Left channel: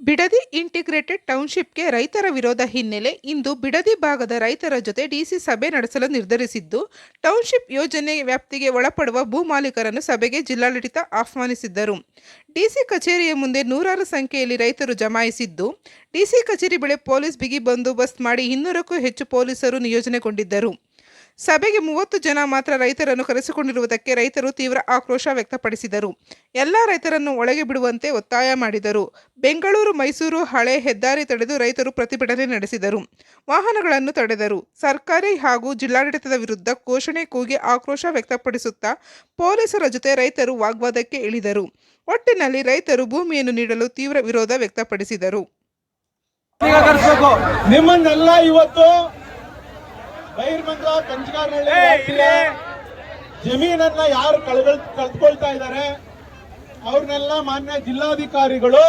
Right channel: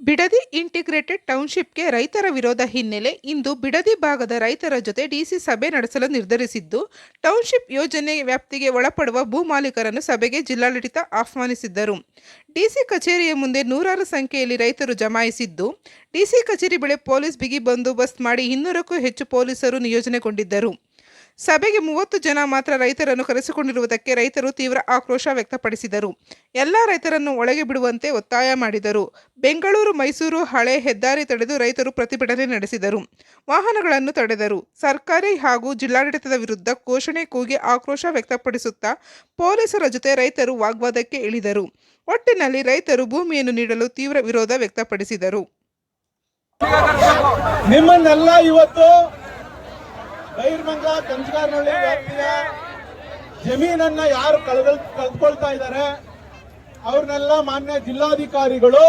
Bidadi integrated ಟೌನ್ಶಿಪ್ಗೆ ರೈತರ ವಿರೋಧ ಹಿನ್ನೆಲೆ ಇಂದು ಬಿಡದಿ ಭಾಗದ ರೈತರ ಜೊತೆ ಡಿಸಿ ಸಭೆ ನಡೆಸಲು ನಿರ್ಧರಿಸಿದ್ದು ಟೌನ್ಶಿಪ್ ಯೋಜನೆ ವ್ಯಾಪ್ತಿಗೆ ಒಳಪಡುವ ಭೂ ಮಾಲೀಕರನ್ನು ಸಭೆಗೆ ಜಿಲ್ಲಾಡಳಿತ ಆಹ್ವಾನಿಸಿದ್ದರು. ಡಿಸಿ ಕಚೇರಿಯ ಮುಂದೆ ನೂರಾರು ಸಂಖ್ಯೆಯಲ್ಲಿ ರೈತರು ಜಮಾಯಿಸಿದ್ದು, ಡಿಸಿ ಕಚೇರಿ ಬಳಿ ಪೊಲೀಸ್ ಬಿಗಿ ಬಂದೋಬಸ್ತ್ ಮಾಡಿ ಇನ್ನೂರಕ್ಕೂ ಹೆಚ್ಚು ಪೊಲೀಸರು ನಿಯೋಜನೆಗೊಂಡಿದ್ದರು. ಸಭೆಗೆ ಮೂವತ್ತು ಜನ ಮಾತ್ರ ರೈತರನ್ನು ಕರೆಸಿಕೊಂಡಿರುವುದಕ್ಕೆ ರೈತರು ತೀವ್ರ ಆಕ್ರೋಶ ವ್ಯಕ್ತಪಡಿಸಿದರು. ಎಲ್ಲ ರೈತರನ್ನು ಒಳಗೆ ಬಿಡುವಂತೆ ಒತ್ತಾಯ ಮಾಡಿದರು. ಬೆಂಗಳೂರು, ಮೈಸೂರು ಹಳೆ ಹೆದ್ದಾರಿ ತಡೆದು ರೈತರು ಪ್ರತಿಭಟನೆ ನಡೆಸಿದರು. ವಾಹನಗಳನ್ನು ತಡೆದರು. ಸರ್ಕಾರಿ ಹಾಗೂ ಜಿಲ್ಲಾಡಳಿತದ ವಿರುದ್ಧ ಘೋಷಣೆ ಕೂಗಿ ಆಕ್ರೋಶ ವ್ಯಕ್ತಪಡಿಸುತ್ತಾ ಪೊಲೀಸರ ಜೊತೆ ರೈತರು ವಾಗ್ವಾದಕ್ಕೆ ಇಳಿದರು. ಒಟ್ಟಿನಲ್ಲಿ ರೈತರು ಭೂಮಿಯನ್ನು ನೀಡಲು ತೀವ್ರ ವಿರೋಧ ವ್ಯಕ್ತಪಡಿಸಿದರು. ನಿಮ್ಮನ್ನೆಲ್ಲ ಇವತ್ತು ಬೈರ್ಮಂಗ್ಲ ಕಂಚಗಾರನಹಳ್ಳಿ ವ್ಯಾಪ್ತಿಯ ಜಮೀನನ್ನ ಯಾರು ಕಳ್ಕೊಳ್ ಕಳ್ಕೊಳ್ತಾ ಇದ್ದಾರೆ? ಅವ್ರನ್ನೆಲ್ಲ ಮಾನ್ಯ ಜಿಲ್ಲಾಧಿಕಾರಿಗಳು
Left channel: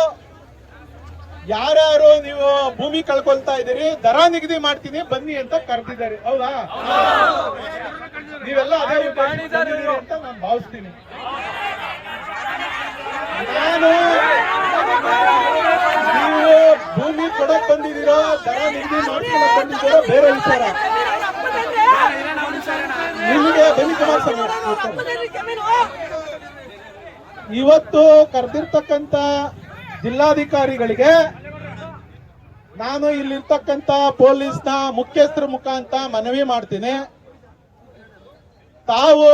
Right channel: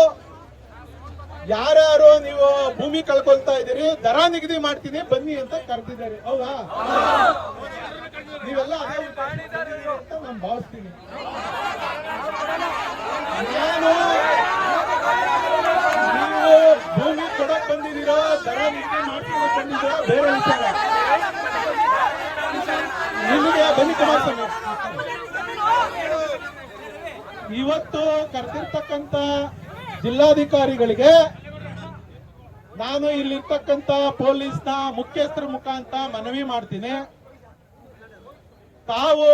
ಯಾರ್ಯಾರು ನೀವು ಭೂಮಿ ಕಳ್ಕೊಳ್ತಾ ಇದ್ದೀರಿ ದರ ನಿಗದಿ ಮಾಡ್ತೀನಿ ಬನ್ನಿ ಅಂತ ಕರೆದಿದ್ದಾರೆ. ಹೌದಾ? ನೀವೆಲ್ಲ ಅದೇ ಅಂತ ನಾನು ಭಾವಿಸ್ತೀನಿ. ನಾನು ನೀವು ಭೂಮಿ ಕೊಡಕ್ ಬಂದಿದ್ದೀರಾ ದರ ನಿಗದಿ ಮಾಡ್ಕೊಳಕ್ ಬಂದಿದ್ದೀರಾ ಬೇರೆ ವಿಚಾರ. ಇವತ್ತು ಕರೆದಿರ್ತಕ್ಕಂತ ಜಿಲ್ಲಾಧಿಕಾರಿಗಳಿಗೆ ನಾನು ಇಲ್ಲಿರ್ತಕ್ಕಂಥ ಪೊಲೀಸ್ನ ಮುಖ್ಯಸ್ಥರ ಮುಖಾಂತ ಮನವಿ ಮಾಡ್ತೀನಿ. ತಾವು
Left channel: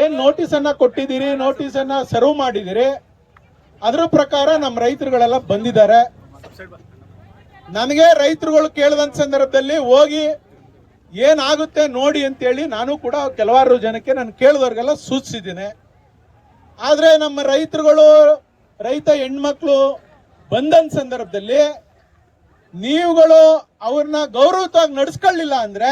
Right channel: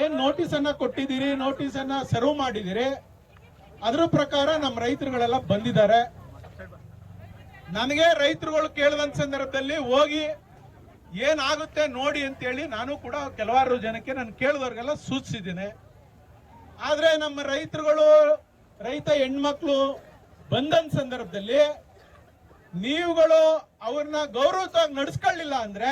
ಏನ್ ನೋಟಿಸ್ ಅನ್ನ ಕೊಟ್ಟಿದ್ದೀರಿ ನೋಟಿಸ್ ಅನ್ನ ಸರ್ವ್ ಮಾಡಿದಿರಿ ಅದ್ರ ಪ್ರಕಾರ ನಮ್ಮ ರೈತರುಗಳೆಲ್ಲ ಬಂದಿದ್ದಾರೆ. ನನಗೆ ರೈತರುಗಳು ಕೇಳಿದಂತ ಸಂದರ್ಭದಲ್ಲಿ ಹೋಗಿ ಏನಾಗುತ್ತೆ ನೋಡಿ ಅಂತೇಳಿ ನಾನು ಕೂಡ ಕೆಲವಾರು ಜನಕ್ಕೆ ನಾನು ಕೇಳಿದವ್ರಿಗೆಲ್ಲ ಸೂಚಿಸಿದ್ದೀನಿ. ಆದರೆ ನಮ್ಮ ರೈತರುಗಳು, ರೈತ ಹೆಣ್ಮಕ್ಳು ಬಂಧನ ಸಂದರ್ಭದಲ್ಲಿ ನೀವುಗಳು ಅವ್ರನ್ನ ಗೌರವವಾಗಿ ನಡೆಸ್ಕೊಳ್ಳಿಲ್ಲ ಅಂದ್ರೆ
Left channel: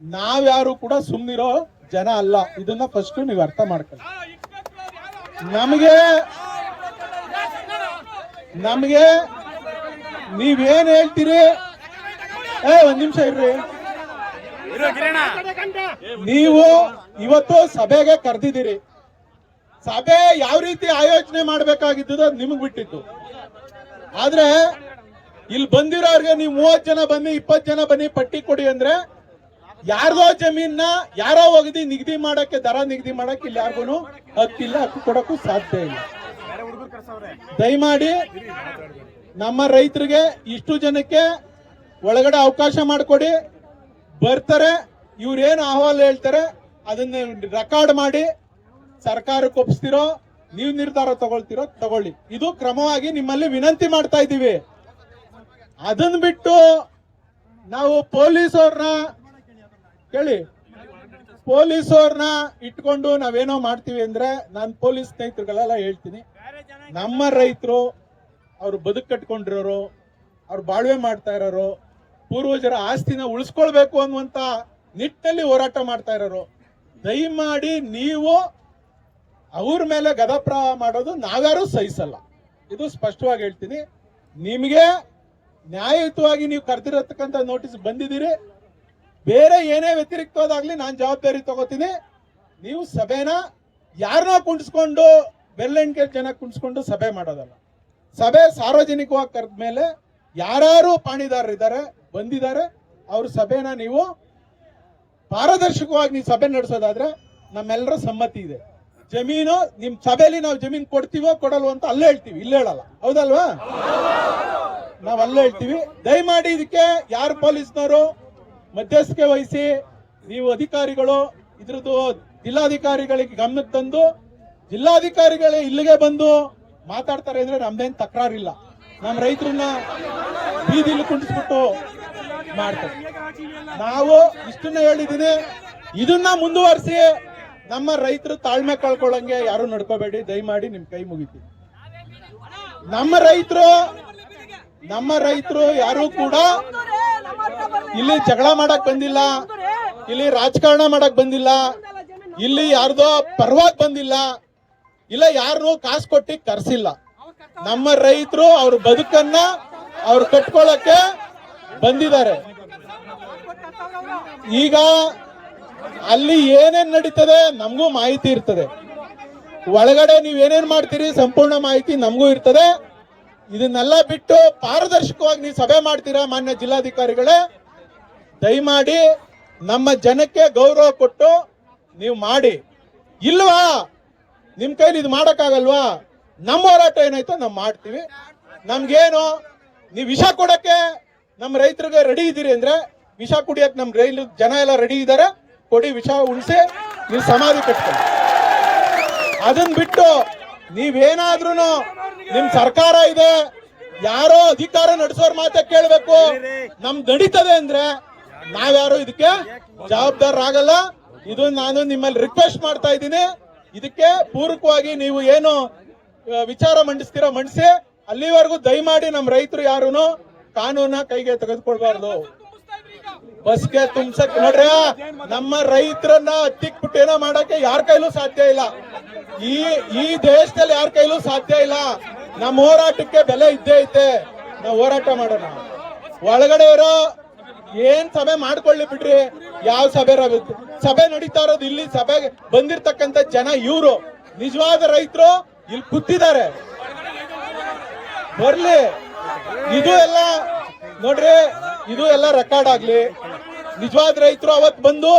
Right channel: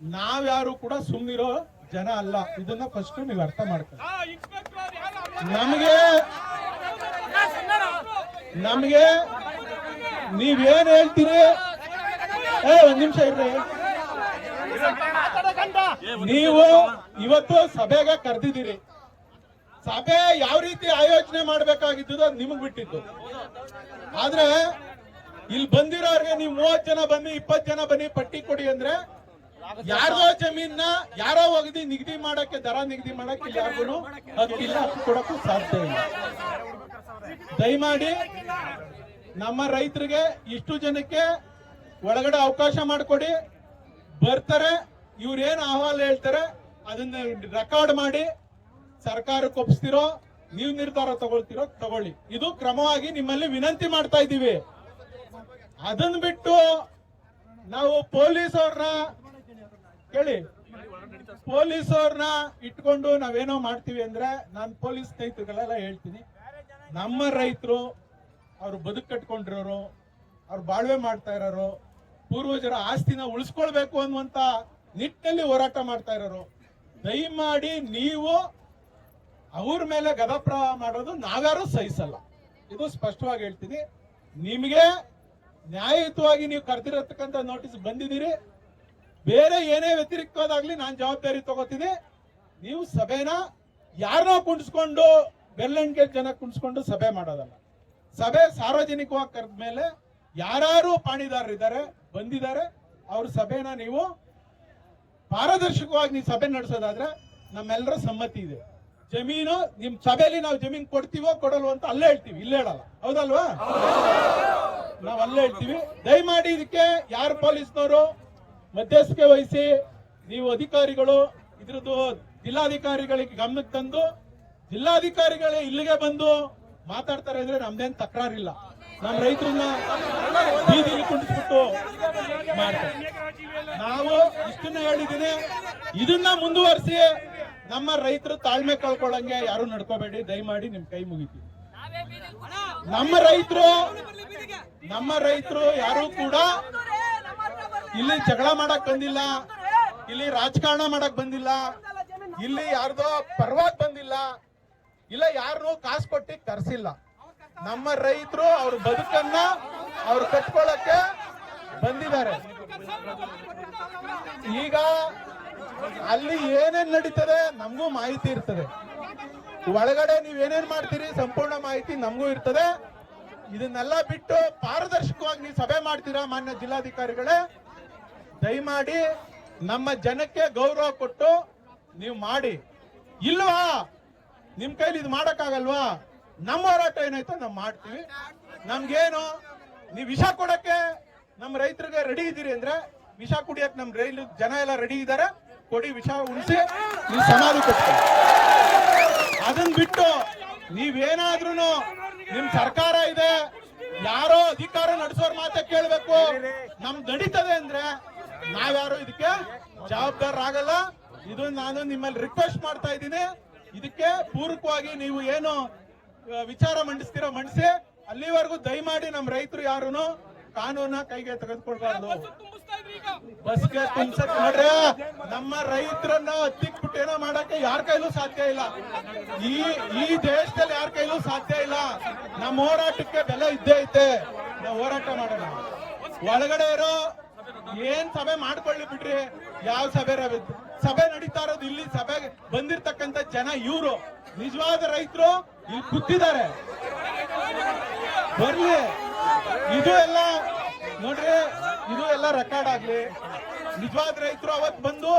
ನಾವ್ಯಾರು ಕೂಡ ಸುಮ್ಮನಿರೋ ಜನ ಅಲ್ಲ. ಇದನ್ನ ಫಸ್ಟ್ ನೀವು ಅರ್ಥ ಮಾಡ್ಕೊಳ್ಳಿ. ನಮಗೆ ನಮಗೆ ನೀವೇನ್ ಹೇಳ್ತೀರಿ? ಏ, ಒಂದ್ ನಿಮಿಷ ಇರ್ರಿ. ನೀವು ಇವತ್ತು ಸಭೆಗೆ ಕರೆದಿದ್ದೀರಿ. ಸಭೆ ಯಾವ ರೀತಿ ಆಯೋಜನೆ ಮಾಡಬೇಕಾಗಿದ್ದು ಅದು ನಿಮಗ್ ಬಿಟ್ಟಿದ್ದು. ಆದ್ರೆ ಇಲ್ಲಿ ಬಂದಿರೋರಿಗೆ ನೀವು ಮೂವತ್ ಜನ ಬನ್ನಿ ಇಪ್ಪತ್ ಜನ ಬನ್ನಿ, ಪಟ್ಟಿ ಕೊಡಿ ಅಂದ್ರೆ ಯಾರ್ದೋ ಜಮೀನ್ನ ಯಾರೋ ಒಗದಿ ನಿಗದಿ ಮಾಡಕ್ಕೆ, ದರ ನಿಗದಿ ಮಾಡಕ್ಕೆ ಇಲ್ಲಿ ಯಾರಿಗೂ ಹಕ್ಕಿಲ್ಲ, ಹಕ್ಕು ಕೊಡಕ್ಕೂ ಸಾಧ್ಯ ಇಲ್ಲ. ದಯಮಾಡಿ ನಮ್ಮ ರೈತರಿಗೆ ಇಷ್ಟು ಜನಕ್ಕೆ ಒಳಗಡೆ ಅವಕಾಶ ಮಾಡಿಕೊಡಿ. ಬರ್ತಾರೆ, ಇವ್ರೇನು ಅಹವಾಲು ಹೇಳ್ತಾರೆ, ಅದನ್ನ ರೆಕಾರ್ಡ್ ಮಾಡಿ, ಸರ್ಕಾರಕ್ಕೆ ಒಪ್ಪಿಸ್ತಿರೋ ನೀವು ನಿರ್ಧಾರ ತಗೊಳ್ತಿರೋ, ತಗೊಳ್ಳಿ. ಇದು ಕ್ರಮವಾಗಿ ನಿಮ್ಮಲ್ಲಿ ವಿನಂತಿ ಮಾಡ್ತಾ ಇದ್ದೀವಿ. ಅದನ್ನ ಬಿಟ್ಟು ನಾವು ಪೊಲೀಸ್ ಅವ್ರನ್ನ ಕೇಳಿ. ಪೊಲೀಸ್ ಅವ್ರನ್ನ ಇಟ್ಕೊಂಡು ನಾವೇನೋ ಮಾಡ್ತೀವಿ ಅಂದ್ರೆ ನಾನು ಪೊಲೀಸ್ ಸ್ನೇಹಿತರುಗಳೆಲ್ಲ ಹೇಳ್ತೀನಿ. ನಮ್ಮ ರೈತರು ಅವ್ರು ಬದುಕು ಕಟ್ಕೊಂಡಿರೋರು, ಅವ್ರು ಬಾಳ್ವೆ ಮಾಡ್ತಾ ಇರೋರು ಪೂರ್ವಜರ ಆಸ್ತಿನ ಉಳಿಸ್ಕೊಳ್ಬೇಕು ಅನ್ನುವಂತ ನಿಟ್ಟಲ್ಲಿ ಹೋರಾಟ ಮಾಡ್ತಾ ಇರೋರು. ದಯಮಾಡಿ ನೀವು ಅವ್ರ ಮೇಲೆ ಗದಪ್ರವಾಹ ಮಾಡೋದು ನಾವ್ಯಾರು ಸಹಿಸಲ್ಲ. ಇದು ಸ್ಪಷ್ಟವಾಗಿ ಹೇಳ್ತೀನಿ. ನಿಮಗೆ ನ್ಯಾಯಯುತವಾಗಿ ನೀವು ಕರೆದಿರತಕ್ಕಂಥ ನೋಟಿಸ್ ಬಂದಿದ್ದೀರಿ. ಬೇರೆ ಏನೇ ವ್ಯತಿರಿಕ್ತವಾದಾಗ್ಲಿ ನಾನು ಜವಾಬ್ದಾರಿ ತಗೋತೀನಿ. ನೀವು ಸಭೆನ ಯಾರನ್ನೋ ಕುಣಿಸ್ಕೊಂಡು ಬೆಲ್ಲೆಣ್ಗೆ ಜನ ಕುಣಿಸ್ಕೊಂಡು ಸಭೆ ಮಾಡೋದಲ್ಲ. ಸಭೆ ಸಾರ್ವಜನಿಕವಾಗಿ ಕರೆದ ಮೇಲೆ ಯಾರು ಪಾಣಿದಾರರಿದ್ದಾರೆ. ಬಂದಿದ್ದಾರೆ. ಅವ್ರ ಸಭೆನ ನೀವು ಪಾರದರ್ಶಕವಾಗಿ ನೀವು ಸಭೆ ನಡೆಸೋದಾದ್ರೆ ನಮ್ಮೆಲ್ಲರ ಸಮ್ಮತಿ ಇದೆ. ಜಮೀನು ನಿಮ್ ಸಭೆಯಲ್ಲಿ ನಾವು ಜಮೀನು ಕೊಡ್ತೀವೋ ಕೊಡಲ್ವೋ ಅಂತ ಅಲ್ಲೇ ಹೇಳ್ತೀವಿ. ಇಲ್ಲೇ ಹೇಳಲ್ಲ. ಹೌದಲ್ವಾ? ನಾವ್ ಅಲ್ಲೇ ಹೇಳ್ತೀವಿ. ದಯಮಾಡಿ ಇದಕ್ಕೆ ಯಾರು ಪೊಲೀಸ್ನವರು ಮಧ್ಯಸ್ಥಿಕೆ ವಹಿಸಿ, ನೀವು ಅಧಿಕಾರಿಗಳು, ಇದ್ರದ್ದು ಜಿಲ್ಲಾಧಿಕಾರಿಗಳಿಗೆ ಗಮನಕ್ಕೆ ತಂದು, ಜಿಲ್ಲಾಧಿಕಾರಿಗಳೇ ಇಲ್ಲಿಗೆ ಬಂದು ಮಾತಾಡ್ತಾರೆ ಅಂದ್ರೆ ನಮ್ದೇನ್ ತಕರಾರಿಲ್ಲ. ನಮ್ಮ ರೈತರನ್ನ ಬೀದಿಲಿ ಕುಂಡಿಸ್ಬಿಟ್ಟು ಮಾಡ್ತಾರೆ ನಾವು ಇಷ್ಟನ್ನ ಹೇಳಿದ್ದೀನಿ. ಇದನ್ನ ಮುಂದುವರಿಸಿ ನಮ್ಮ ರೈತರು ತಾಳ್ಮೆ ಕಳ್ಕೊಳ್ಳಂಗೆ ಯಾರು ನಡ್ಕೋಬೇಡಿ. ದಯಮಾಡಿ ನಿಮ್ ಕೈ ಮುಗಿತೀವಿ ನಮ್ಮ ರೈತರು ನಮ್ಮ ರೈತರು ಯಾರು ಕೂಡ ಇಲ್ಲಿ ಜಗಳ ಮಾಡಕ್ ಬಂದಿಲ್ಲ. ಇಲ್ಲಿ ರಾಜಕಾರಣ ಮಾಡಕ್ ಬಂದಿಲ್ಲ. ಇಲ್ಲಿ ಯಾರ್ದೋ ಪರವಾಗಿ ಬಂದಿಲ್ಲ. ಇಲ್ಲ ಯಾರು ಕಾಸು ಕೊಟ್ಟಿ ಕರ್ಸಿಲ್ಲ. ನಮ್ಮ ರೈತರು ಅವ್ರ ಬದುಕನ್ನ ಅವ್ರು ಕಟ್ಕೊಳ್ಳಕ್ಕೆ ಬಂದಿದ್ದಾರೆ. ಈಗ ಅಲ್ಲಿ ಏನೇನ್ ನಡೀತದೆ ನಮಗೂ ಮಾಹಿತಿ ಇರ್ತದೆ. ಒಳಗಡೆ ನೀವ್ ಏನೇನ್ ಮಾಡ್ತೀರಿ ಸಂಪೂರ್ಣ ಮಾಹಿತಿ ನಮಗೂ ಇರ್ತದೆ. ಇದನ್ನೆಲ್ಲ ಬಿಟ್ಟು ಪಾರದರ್ಶಕವಾಗಿ ನೀವು ಸಭೆ ಮಾಡ್ತೀರಾ ಮಾನ್ಯ ಜಿಲ್ಲಾಧಿಕಾರಿಗಳೇ? ದಯಮಾಡಿ ನಮ್ಮ ಜನಕ್ಕೆ ಗೌರವ ಕೊಟ್ಟು ನೀವು ಮಾಡಿ. ಇಲ್ವಾ? ನಿಮ್ ಕೈಲಿ ಇದು ಮಾಡಕ್ಕಾಗಲ್ವಾ? ನಮ್ಮ ಹೋರಾಟ ಏನಾಯ್ತೋ ನಾವು ಮಾಡ್ತೀವಿ. ನಮ್ಗೇನು, ನೀವು ವಿಷ ಕೊಡಕ್ಕೆ ನಮ್ಮ ರೈತರಿಗೆ ರೆಡಿ ಇದ್ದೀರಿ ಅಂದ್ರೆ ವಿಷ ಕುಡಿಯಕ್ಕೆ ನಮ್ಮ ರೈಲು ಜನ ಎಲ್ಲ ರೆಡಿ ಇದ್ದಾರೆ ಕೊಡಿ ವಿಷ ಉಳಿಸಿ ನೀವು ಸಮಾಧಿ ಕಟ್ಕೊಳ್ಳಿ. ಅದನ್ನ ಬಿಟ್ಟು ನೀವೇನಾದ್ರೂ ನಿಮ್ ಸರ್ಕಾರ ಇದೆ, ಯಾರೋ ಅಧಿಕಾರ ನಡೆಸೋರ್ ಮಾತ ಕೇಳಬೇಕು. ನಮ್ ನಡೀತದೆ ಅಂದ್ರೆ ನಾವ್ಯಾರು ಇದಕ್ಕೆ ಜವಾಬ್ದಾರರಾಗಲ್ಲ ಇದು ನಾನು ನಿಮ್ಮಲ್ಲಿ ರಿಕ್ವೆಸ್ಟ್ ಮಾಡ್ತಾ ಇದ್ದೀನಿ. ಇದಕ್ಕೆ ಪೂರಕವಾಗಿ ನೀವು ಏನು ವಿಚಾರ ಮಂಡಿಸ್ತೀರೋ ಮಂಡಿಸಿ ಅಲ್ಲಿವರೆಗೂ ದಯಮಾಡಿ ನಮ್ಮ ರೈತರು ಯಾರು ಕಾನೂನ ಕೈಗೆ ತೆಗೆದುಕೊಳ್ಬಾರ್ದು. ಬಸ್ಗೆ ತುಂಬಸಕ್ ನೋಡ್ರಿ ನಮ್ಮ ರೈತರನ್ನ ಹತ್ತಿಕ್ಬಿಟ್ಟು ಏನೋ ಮಾಡಕ್ಕೆ ಯಾರ ಕೈಲೂ ಸಾಧ್ಯ ಇಲ್ಲ. ಈ ಈ ದೇಶದಲ್ಲಿ ಯಾರ ಕೈಲೂ ಸಾಧ್ಯ ಇಲ್ಲ. ನಮ್ಮ ಹೋರಾಟಕ್ಕೆ ಬೆಲೆ ಇದ್ದೇ ಐತೆ. ನಾವು ಹೋರಾಟ ಮಾಡೋಣ. ಒಳಗಡೆ ಇರೋ ಏನ್ ಸಭೆ ಮಾಡ್ಕೊಳ್ಳಿ ಬಿಡ್ರಿ. ಯಾವ ಸಭೆ ಸಭೆ ನಡೀತಾ ಇರೋದು ಇಲ್ಲಿ ಸಭೆಗೆ ಬಂದಿರ್ತಕ್ಕಂಥ ಜನ ಇವರು. ನಿಜವಾದ ರೈತರು ಇಲ್ಲಿ ಕೂತಿದ್ದಾರೆ. ಬರ್ಲಿ. ಇದು ಎಲ್ಲ, ನೋಡ್ರಿ, ಇದು ಎಲ್ಲ ರೆಕಾರ್ಡ್ ಆಗ್ಲಿ. ನಿಜವಾದ ರೈತರು ಅವತ್ ಬಂದು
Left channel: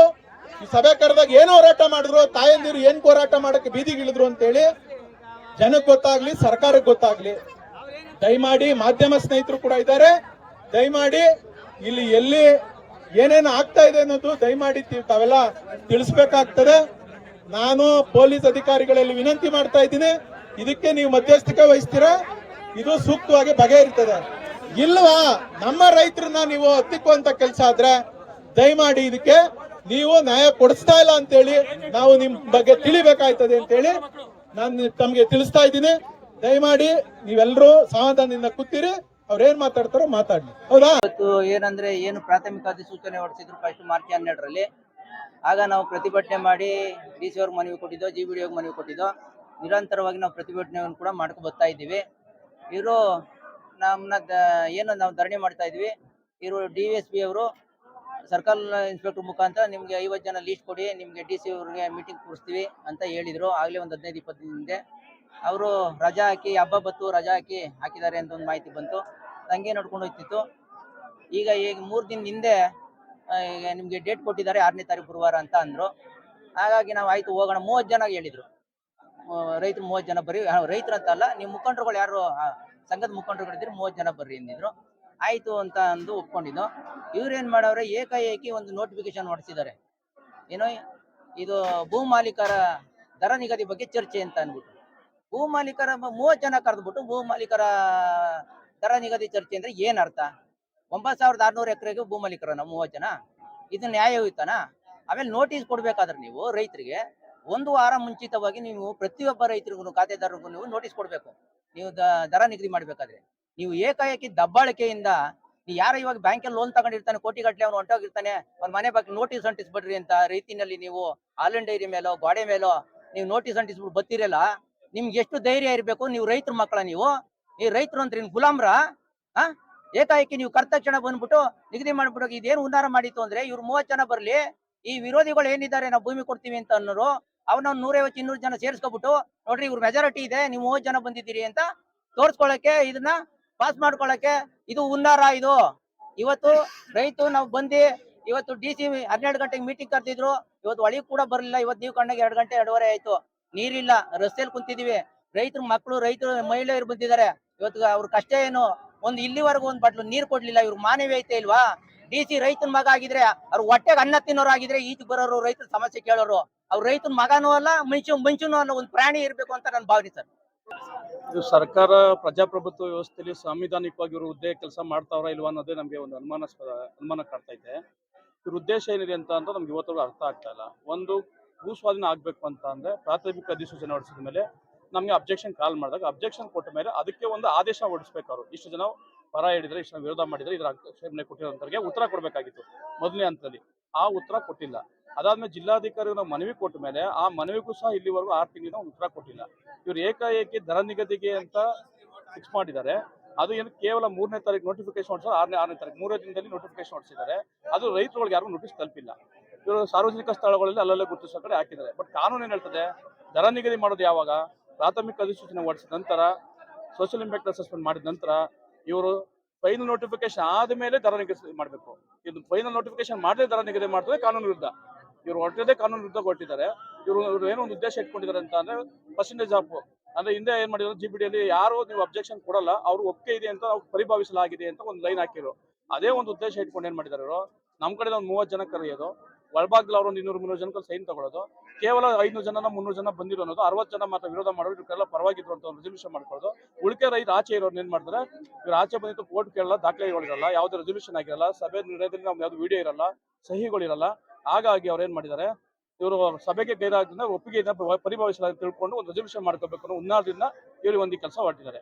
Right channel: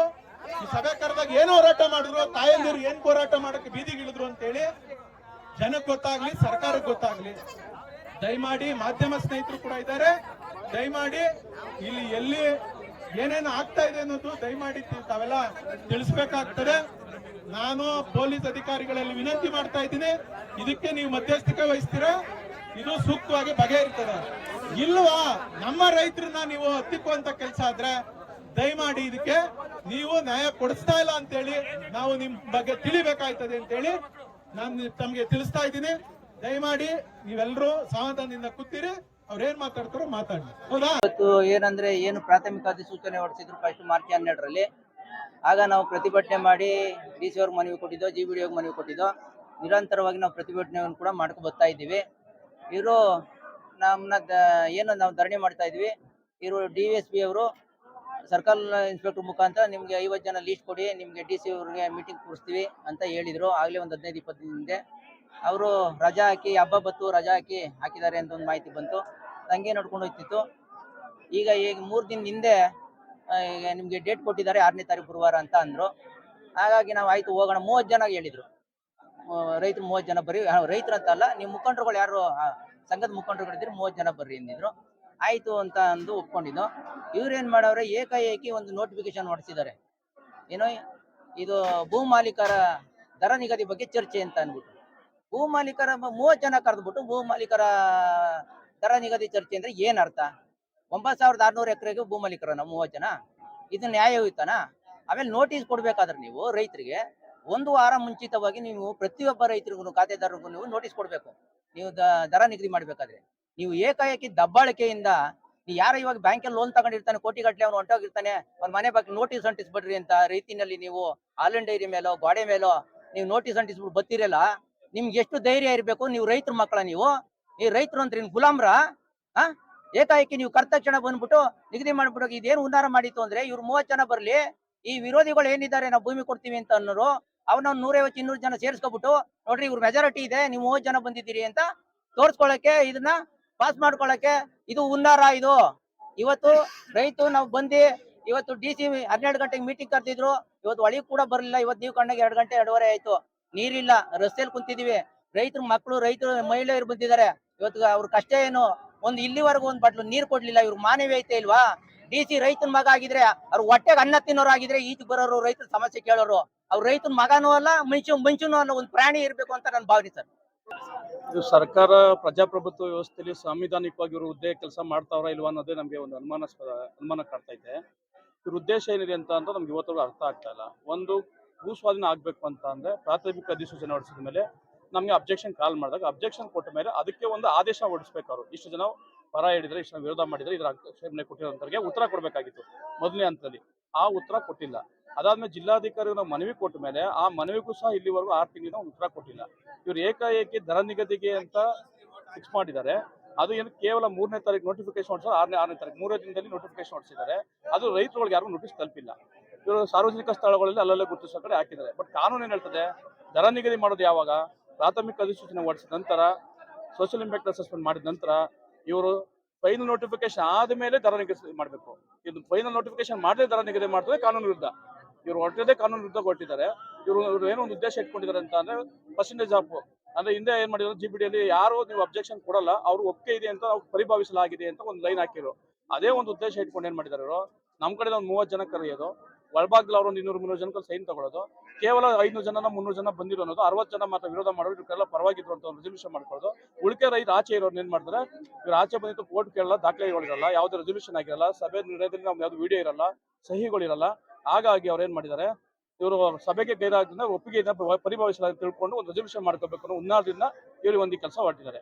ಈ ಸಭೆ ಕರೆದಾಗ ಏನು ಹೋರಾಟ ಮಾಡಿದ್ರು, ತಾಯಂದಿರು ಏನ್ ಹೋರಾಟ ಮಾಡಕ್ಕೆ ಬೀದಿಗೆ ಇಳಿದ್ರು ಅಂತೇಳಿ ಜನಕ್ಕೆ ಗೊತ್ತಾಗ್ಲಿ ಸರ್ಕಾರಕ್ಕೆ ಗೊತ್ತಾಗ್ಲಿ. ದಯಮಾಡಿ ಮಾಧ್ಯಮ ಸ್ನೇಹಿತರು ಕೂಡ ಇದ್ದಾರೆ. ದಯಮಾಡಿ ಇಲ್ಲಿ ಎಲ್ಲಿ ಏನೇನು ಆಗ್ತಾ ಇದೆ ಅನ್ನೋದು ದಯಮಾಡಿ ತಾವೆಲ್ಲ ತಿಳಿಸ್ಬೇಕಾಗ್ತದೆ. ನಾನು ಪೊಲೀಸ್ ಅಧಿಕಾರಿಗಳಲ್ಲಿ ವಿನಂತಿ ಮಾಡ್ತಾ ಇದ್ದೀನಿ. ಇದಕ್ಕೆ ನೀವು ಮಧ್ಯಸ್ಥಿಕೆ ವಹಿಸ್ತೀರಾ? ಇದು ಸೂಕ್ತವಾಗಿ ಬಗೆಹರಿತದೆ ಇಲ್ವಾ? ನಮ್ಮ ರೈತರನ್ನ ನೀವು ಹತ್ತಿಕ್ಕುವಂತ ಕೆಲಸ ಆದ್ರೆ ದಯಮಾಡಿ ಇದಕ್ಕೆ ನೀವು ನ್ಯಾಯ ಕೊಡಿಸ್ತಾ ಇಲ್ಲ ಅಂತೇಳಿ ನಾವು ನಿಮ್ ಬಗ್ಗೆ ತಿಳಿಬೇಕಾಯ್ತದೆ ಅಂತೇಳಿ ನಾನು ತಮ್ಗೆ ತಿಳಿಸ್ತಾ ಇದ್ದೀನಿ. ದಯಮಾಡಿ ನೀವೆಲ್ಲರೂ ಸಮಾಧಾನದಿಂದ ಕೂತಿರಿ. ಅವ್ರ ಏನ್ ಮಾತಾಡ್ತಾರೋ ಮಾತಾಡಿ ಹೌದಾ? ಇವತ್ತು ಏನಂದ್ರೆ ಏನು ಪ್ರಾಥಮಿಕ ಅಧಿಸೂಚನೆ ಹೊರಡಿಸಿದ್ರು ಫಸ್ಟ್ ಮಾರ್ಚ್ ಹನ್ನೆರಡರಲ್ಲಿ. ಆಗ ನಾವು ಪ್ರತಿಭಟನೆ ಮಾಡಿ ಡಿ ಸಿ ಅವ್ರಿಗೆ ಮನವಿ ಕೊಟ್ಟಿದ್ದೋ, ಜಿ ಬಿ ಡಿ ಮನವಿ ಕೊಟ್ಟಿದ್ದೋ ನಿರಂತರವಾಗಿ ನಾವು ಪ್ರತಿಭಟನೆಯನ್ನು ಕೂಡ ಮಾಡ್ಕೊಂಡು ಬರ್ತಾ ಇದ್ದೀವಿ. ಇವರು ನಮ್ಮನ್ನ ಏನು ನಾವು ಧರಣಿ ಮಾಡ್ತಾ ಇದ್ವಿ ಇವರು ಡಿ ಎಸ್ ಪಿ ಅವರು, ಸರ್ಕಲ್ ಇನ್ಸ್ಪೆಕ್ಟರ್ ಮುಖಾಂತರ ನಿಮಗೆ ಐವತ್ತು ಜನ ಲೀಸ್ಟ್ ಕೊಡಿ, ನಿಮಗೆ ಡಿ ಸಿ ಅವ್ರಿಗೆ ಮೀಟಿಂಗ್ ಕೂರಿಸ್ತೀವಿ ಅಂತ ಹೇಳಿದ್ರು. ಆಗ್ಲೇ ಒಂದು ಹದಿನೈದು, ಇಪ್ಪತ್ತು ಹಿಂದೆ. ಅವರು ರಜಾ ಹಾಕಿ, ಹಬ್ಬ ಬತ್ತು ರಜಾ ಹಾಕಿ ಹಾಕಿದ್ದಾರೆ ಅಂತ ಒಂದು ಮಾಹಿತಿ ಬಂತು. ನಂಗೆ ನೋಡ್ಕೊಂಡು ಹೋಗ್ತಿತ್ತು. ಈಗ ಈಗ ಮೂರು ದಿನ ಹಿಂದೆ ಈಗ ನಿಮ್ಗೆ ಡೇಟ್ ಕೊಟ್ಟಿದ್ದಾರೆ, ಆರನೇ ತಾರೀಕು ಗುರುವಾರ ಅಂತ ಅಂದ್ರು. ಹಾಗಾಗಿ ನಾವು ಆಯ್ತು ಹೋಗೋಣ, ಮೂವತ್ತು ಜನ ಹೇಳಿದ್ರು. ರೈತರು ಮೂವತ್ತು ಜನ ಬರ್ರಿ. ರೈತರು ಅಂತ ಅಲ್ಲ ನೀವು ಮುಖಂಡರುಗಳು ಯಾರು ಸಂಘದ ಮುಖಂಡರುಗಳಿದ್ರೆ ಮೂವತ್ತು ಜನ ಬರ್ರಿ ಅಂದಿದ್ರು. ಆಯ್ತು ಅಂತ ಅಂದು ಒಪ್ಕೊಂಡಿದ್ದು. ಇವ್ರೇನ್ ಮಾಡವ್ರೆ, ಏಕಾಏಕಿ ಒಂದು ನೋಟಿಫಿಕೇಶನ್ ಹೊಡಿಸಿದ್ದಾರೆ. ಏನೋ ಇದು ಭೂ ಮಾಲೀಕರ ದರ ನಿಗದಿ ಬಗ್ಗೆ ಚರ್ಚೆ ಅಂತ ಅಂದ್ಬಿಟ್ಟು. ಭೂ ಮಾಲೀಕರ ಮೂವತ್ತು ಜನ ಕರೆದ್ಬಿಟ್ಟು ಭೂ ಮಾಲೀಕರ ದರ ನಿಗದಿ ಚರ್ಚೆ ಅಂದ್ರೆ ಏನ್ ಅರ್ಥ? ಒಂಬತ್ತು ಸಾವಿರದ ಆರ್ನೂರು ಎಕರೆಗೆ ಭೂ ಮಾಲೀಕರನ ಮೂವತ್ತು ಜನ? ಇದು ನ್ಯಾಯಯುತನ? ಆಮೇಲೆ ನೋಟಿಸ್ ಕೊಡ್ಬೇಕಾದ್ರೆ ನೀವು ರೈತರಿಗೆ ಒಂದು ವಾರ ಮುಂಚಿತವಾಗಿ ನೀವು ಪ್ರತಿಯೊಬ್ಬ ರೈತರಿಗೂ ಖಾತೆದಾರರಿಗೂ ನೀವು ನೋಟಿಸ್ ಕೊಡಬೇಕು. ನೀವು ದರ ನಿಗದಿ ಮಾಡಬೇಕಾದ್ರೆ. ನೀವು ಏಕಾಏಕಿ ದಬ್ಬಾಳಿಕೆಯಿಂದ ಯಾರು ಇವಾಗ ಬ್ಯಾಂಕಲ್ಲಿ ಲೋನ್ ತಗೊಂಡಿರ್ತಾನೆ ಕೋಟಿ ಗಟ್ಟಲೆ ಅವ್ನು ಹೊಂಟೋಗಿರ್ತಾನೆ, ಅವ್ನ ಮನೆ ಬಗ್ಗೆ ನೋಟಿಸ್ ಅಂಟಿಸ್ಬಿಡ್ರಿ ಅಂತ ರೀತಿನಲ್ಲಿ ನೀವು ಹಾಲನ್ ಡೈರಿ ಮೇಲೋ, ಗೋಡೆ ಮೇಲೋ ನೀವು ನೋಟಿಸ್ ಅಂಟಿಸ್ಬಿಟ್ಟು ಬತ್ತಿರಲ್ಲ ನಿಮ್ಗೆ ಎಷ್ಟು ಧೈರ್ಯ ಇರಬೇಕು? ನೀವು ರೈತರ ಮಕ್ಕಳ ನೀವು. ಈ ರೈತರು ಅಂದ್ರೆ ನಿನ್ ಗುಲಾಮ್ರ? ಆ? ಏಕಾಏಕಿ ನೀವು ಕರ್ತಕ್ಷಣ ಬಂದ್ಬಿಟ್ಟು ನಿಗದಿ ಮಾಡ್ಬಿಟ್ಟು ಇದೇನು ಉನ್ನಾರ ಮಾಡಿತ್ತು ಅಂದ್ರೆ ಇವ್ರು ಮೂವತ್ ಜನ ಬರಲಿ, ಈ ವಿರೋಧಿಗಳು ಏನಿದ್ದಾರೆ ನಾವು ಭೂಮಿ ಕೊಡ್ತೀವಿ ಅಂತ ಅನ್ನೋರು ಅವ್ನ ಒಂದ್ ನೂರೈವತ್ತು, ಇನ್ನೂರು ಜನ ಸೇರಿಸ್ಕೊಬಿಟ್ಟು, ನೋಡ್ರಿ ಇವ್ರ ಮೆಜಾರಿಟಿ ಇದೆ, ನೀವು ಮೂವತ್ತು ಜನ ಬಂದಿದ್ದೀರಿ ಅಂತ ತೋರ್ಸ್ಕೊಳಕ್ಕೆ, ಇದನ್ನ ಪಾಸ್ ಮಾಡ್ಕೊಳಕ್ಕೆ ಇದು ಹುನ್ನಾರ ಇದು. ಇವತ್ತು ರೈತು ನಾವು ಬಂದು, ಇವತ್ತು ಡಿ ಸಿ ಹನ್ನೆರಡು ಗಂಟೆಗೆ ಮೀಟಿಂಗ್ ಕರೆದಿದ್ರು, ಇವತ್ತು ಒಳಗೆ ಕೂಡ ಬರಲಿಲ್ಲ, ಇವತ್ತು ನೀವು ಕಣ್ಣಾಗ ಎರಡು ಗಂಟೆ, ಎರಡೂವರೆ ಆಯ್ತು. ನೀರಿಲ್ಲ ರಸ್ತೆಯಲ್ಲಿ ಕುಂತಿದೀವಿ. ರೈತರ ಮಕ್ಕಳು ರೈತರು, ಮಹಿಳೆಯರು ಬಂದಿದ್ದಾರೆ. ಇವತ್ತು ಅವ್ರ ಕಷ್ಟ ಏನು? ಒಂದು ಇಲ್ಲಿವರೆಗೂ ಒಂದ್ ಬಟ್ಲು ನೀರ್ ಕೊಡ್ಲಿಲ್ಲ, ಇವ್ರ ಮಾನವೀಯತೆ ಇಲ್ವಾ? ಡಿ ಸಿ ರೈತನ ಮಗ ಆಗಿದ್ರೆ, ಅವ್ರ ಹೊಟ್ಟೆಗೆ ಅನ್ನ ತಿನ್ನೋರು ಆಗಿದ್ರೆ ಈಚೆ ಬರೋರು ರೈತರ ಸಮಸ್ಯೆ ಕೇಳೋರು, ಅವ್ರ ರೈತನ ಮಗನೂ ಅಲ್ಲ, ಮನುಷ್ಯ, ಮನುಷ್ಯನೂ ಅನ್ನೋ ಒಂದು ಪ್ರಾಣಿ ಇರಬೇಕು ಅಂತ ನಾನು ಭಾವನೆ ಸರ್. ಇದು ಸರ್ಕಾರ ಪ್ರಜಾಪ್ರಭುತ್ವ ವ್ಯವಸ್ಥೆಯಲ್ಲಿ ಸಾಂವಿಧಾನಿಕವಾಗಿ ಇವರು ಹುದ್ದೆ ಕೆಲಸ ಮಾಡ್ತಾವ್ರ ಇಲ್ವಾ ಅನ್ನೋದೇ ನಮಗೆ ಒಂದು ಅನುಮಾನಾಸ್ಪದ, ಅನುಮಾನ ಕಾಡ್ತಾ ಇದೆ ಇವ್ರ ಉದ್ದೇಶ ಏನಿದೆ ಅಂತ ಅಂದ್ರೆ ನಮ್ಗೆ ಇವತ್ತು ಅರ್ಥ ಆಗ್ತಾ ಇಲ್ಲ. ಒಂದು ಭೂ ಸ್ವಾಧೀನ ಆಗ್ಬೇಕು ಅಂತ ಅಂದ್ರೆ ಪ್ರಾಥಮಿಕ ಅಧಿಸೂಚನೆ ಹೊರಡಿಸಿದ ಮೇಲೆ ನಮ್ಗೆ ಅಬ್ಜೆಕ್ಷನ್ ಕಾಲ್ ಮಾಡಿದಾಗ, ಅಬ್ಜೆಕ್ಷನ್ ಕೊಟ್ಟ ಮೇಲೆ ಅದಕ್ಕೆ ಒಂದು ಆದೇಶ ಹೊರಡಿಸ್ಬೇಕು ಅವರು. ಇಷ್ಟು ಜನ ಪರ ಹೇಳಿದ್ರೆ ಇಷ್ಟನ್ನ ವಿರೋಧ ಮಾಡಿದ್ರೆ ಇದ್ರ ಆಕ್ಷೇಪಣೆ ಕೊಟ್ಟಿರೋಂಥವ್ರಿಗೆ ಉತ್ತರ ಕೊಡಬೇಕಾಗಿತ್ತು ಮೊದಲನೇ ಹಂತದಲ್ಲಿ. ಆ ಉತ್ತರ ಕೊಟ್ಟಿಲ್ಲ. ಅದಾದ್ಮೇಲೆ ಜಿಲ್ಲಾಧಿಕಾರಿ ನಾವು ಮನವಿ ಕೊಟ್ಟ ಮೇಲೆ ಆ ಮನವಿಗೂ ಸಹ ಇಲ್ಲಿವರೆಗೂ ಆರು ತಿಂಗಳಿಂದ ಉತ್ತರ ಕೊಟ್ಟಿಲ್ಲ. ಇವ್ರು ಏಕಾಏಕಿ ದರ ನಿಗದಿಗೆ ಅಂತ ಫಿಕ್ಸ್ ಮಾಡಿದ್ದಾರೆ. ಅದು ಏನು ಕೇವಲ ಮೂರನೇ ತಾರೀಕು ನೋಟಿಫಿಕೇಶನ್ ಹೊಡಿಸಿದ್ರೆ ಆರನೇ ಆರನೇ ತಾರೀಕು, ಮೂರನೇ ದಿನದಲ್ಲಿ ನೋಟಿಫಿಕೇಶನ್ ಹೊಡಿಸಿದ್ದಾರೆ. ಅದು ರೈತರುಗಳಿಗೆ ಯಾರಿಗೂ ನೋಟಿಸ್ ತಲುಪಿಲ್ಲ. ಇವರು ಸಾರ್ವಜನಿಕ ಸ್ಥಳಗಳಲ್ಲಿ ಅಲ್ಲಲ್ಲೇ ಗುರುತಿಸೋ ಕಡೆ ಹಾಕಿದ್ದಾರೆ. ಬಟ್ ಕಾನೂನು ಏನು ಹೇಳ್ತದೆ? ದರ ನಿಗದಿ ಮಾಡೋದು ಯಾವಾಗ? ಪ್ರಾಥಮಿಕ ಅಧಿಸೂಚನೆ ಹೊಡಿಸಿದ ನಂತರ ಸೋಷಿಯಲ್ ಇಂಪ್ಯಾಕ್ಟ್ ಅಸೆಸ್ಮೆಂಟ್ ಮಾಡಿದ ನಂತರ ಇವರು ಫೈನಲ್ ನೋಟಿಫಿಕೇಶನ್ ಆದಮೇಲೆ ದರ ನಿಗದಿ ಮಾಡಬೇಕು. ಇದು ಫೈನಲ್ ನೋಟಿಫಿಕೇಶನ್ ಮಾಡದೆ ದರ ನಿಗದಿ ಮಾಡಿದ್ರೆ ಕಾನೂನು ವಿರುದ್ಧ. ಇವರು ಹೊರಟದೇ ಕಾನೂನು ವಿರುದ್ಧ ಕೊಟ್ಟಿದ್ದಾರೆ. ಇವರು ಇವರು ಏನೋ ಒಂದು ಉದ್ದೇಶ ಇಟ್ಕೊಂಡಿದ್ದಾರೆ ಅಂತ ಅಂದ್ರೆ ಪರ್ಸೆಂಟೇಜ್ ಆಫ್ ಅಂದ್ರೆ ಹಿಂದೆ ಏನ್ ಮಾಡಿದ್ರು ಜಿ ಬಿ ಡಿಯಲ್ಲಿ ಯಾರು ನೀವು ಅಬ್ಜೆಕ್ಷನ್ ಕೊಡಲ್ಲ, ಅವ್ರು ಒಪ್ಪಿಗೆ ಇದೆ ಅಂತ ನಾವು ಪರಿಭಾವಿಸಲಾಗಿದೆ ಅಂತ ಒಂದು ಲೈನ್ ಹಾಕಿರು ಅದೇ ಒಂದು ಉದ್ದೇಶ ಇಟ್ಕೊಂಡು ಏನ್ ಮಾಡಿದಾರೆ ಇವರು? ನಮ್ಮ ಕಡೆ ಒಂದು ಮೂವತ್ತು ಜನ ಕರೆಯೋದು. ಒಳಭಾಗದಲ್ಲಿ ಅವರೊಂದು ಇನ್ನೂರು ಮುನ್ನೂರು ಜನಕ್ಕೆ ಸೈನ್ ತಗೊಳ್ಳೋದು ಕೇವಲ ಐನೂರು ಜನ ಮುನ್ನೂರು ಜನ ಬಂದಿರೋ ಅನ್ನೋದು, ಅರವತ್ತು ಜನ ಮಾತ್ರ ವಿರೋಧ ಮಾಡೋದು ಇವಕ್ಕೆಲ್ಲ ಪರವಾಗಿದ್ರು ಅಂತ ಒಂದು ರೆಸಲ್ಯೂಷನ್ ಮಾಡ್ಕೊಳ್ಳೋದು. ಉಳಿಕೆ ರೈತ ಆಚೆ ಇರೋರು ಏನ್ ಮಾಡ್ತಾರೆ, ಇವ್ರು ಆಚೆ ಬಂದಿತ್ತು ಕೋರ್ಟ್ ಕೇಳಲ್ಲ, ದಾಖಲೆಗಳಿರಲ್ಲ, ಯಾವುದೇ ರೆಸಲ್ಯೂಷನ್ ಆಗಿರಲ್ಲ, ಸಭೆ ನಿರ್ಣಯದಲ್ಲಿ ನಾವು ಯಾವ್ದು ವಿಡಿಯೋ ಇರಲ್ಲ, ಸಹಿಗಳಿರಲ್ಲ. ಹಾಗಾಗಿ ಅವ್ರು ಏನ್ ಮಾಡಿದ್ದಾರೆ, ಇವರು ಸಭೆಗೆ ಗೈರಾದ್ರಿಂದ ಒಪ್ಪಿಗೆ ಪರಿಭಾವಿಸಲ ತಿಳ್ಕೊಂಡು ಒಂದು ರೆಸಲ್ಯೂಷನ್ ಮಾಡ್ಕೋಬೇಕು ಅನ್ನೋ ಉನ್ನಾರದಿಂದ ಇವರು ಒಂದು ಕೆಲಸ ಹೊರಟಿದ್ದಾರೆ.